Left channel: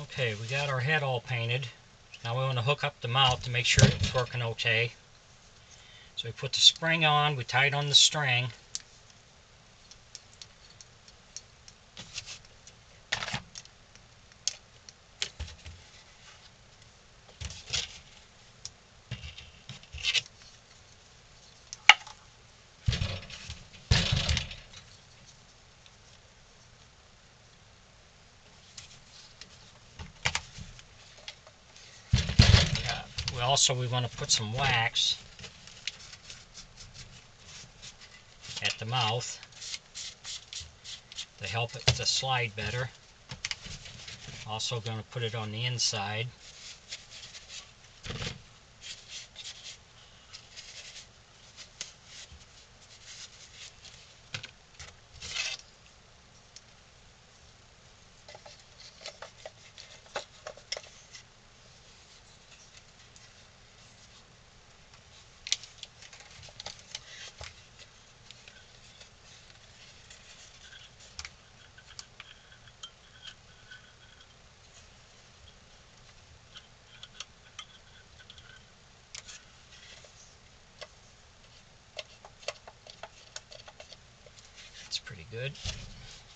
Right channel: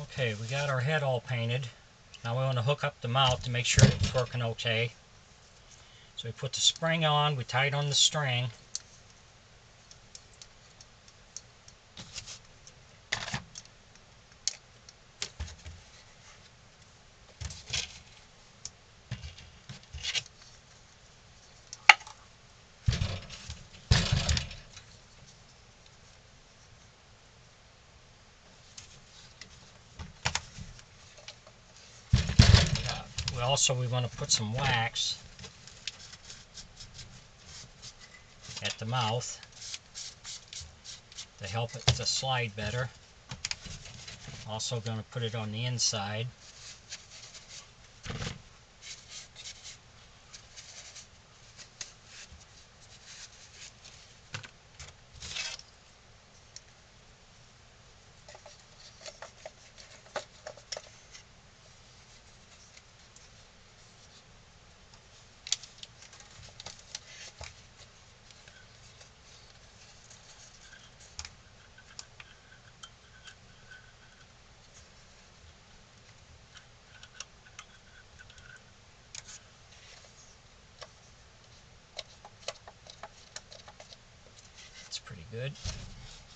Okay, we got our head all painted. Now we want to hook up the mouth to make sure it's working okay. So we put the spring on, we tie it on the string. We want to put some wax at the mouth to help it to slide better. Also going to put it on the inside. That's pretty good.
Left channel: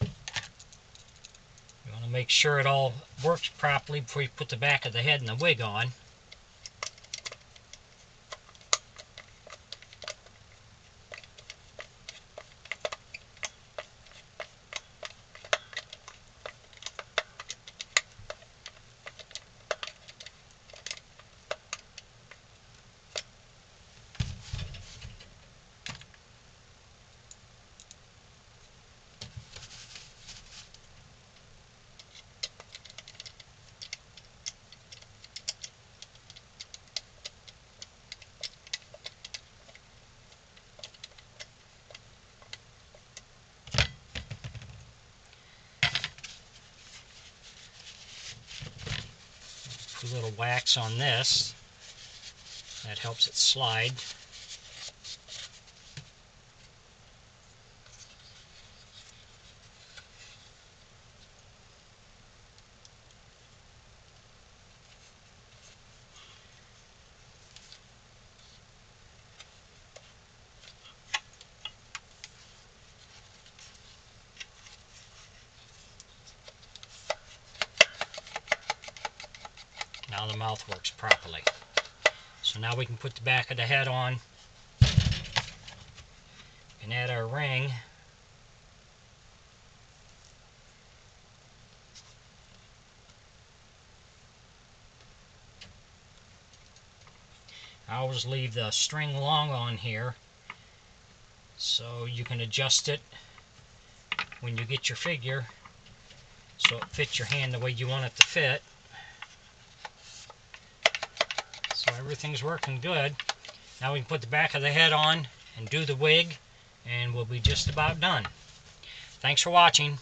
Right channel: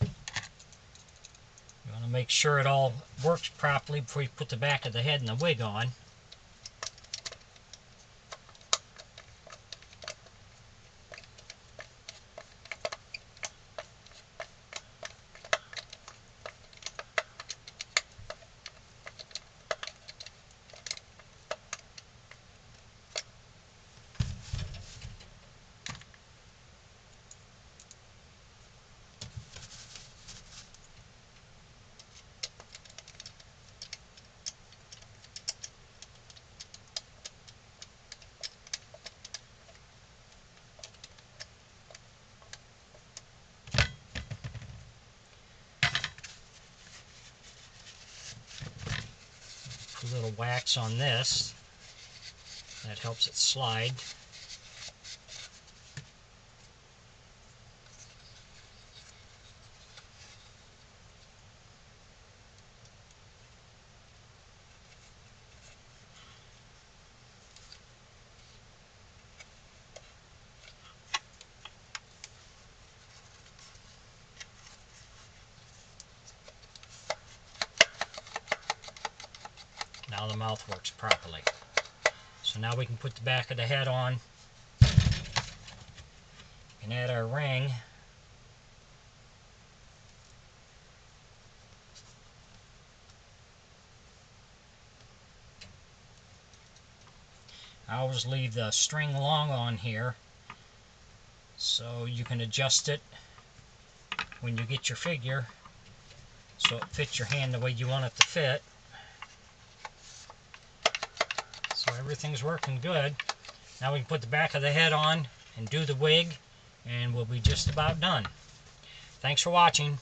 You want to make sure it all works properly before you put the back of the head and the wig on. Put a little wax on this. That helps it slide. Now the mouth works properly. So now we can put the back of the head on and add our ring. I always leave the string long on here so you can adjust it when you get your figure so it fits your hand the way you want it to fit. So everything's working good. Now we can put the back of the head on and do the wig, and we'll be just about done. Thanks for watching.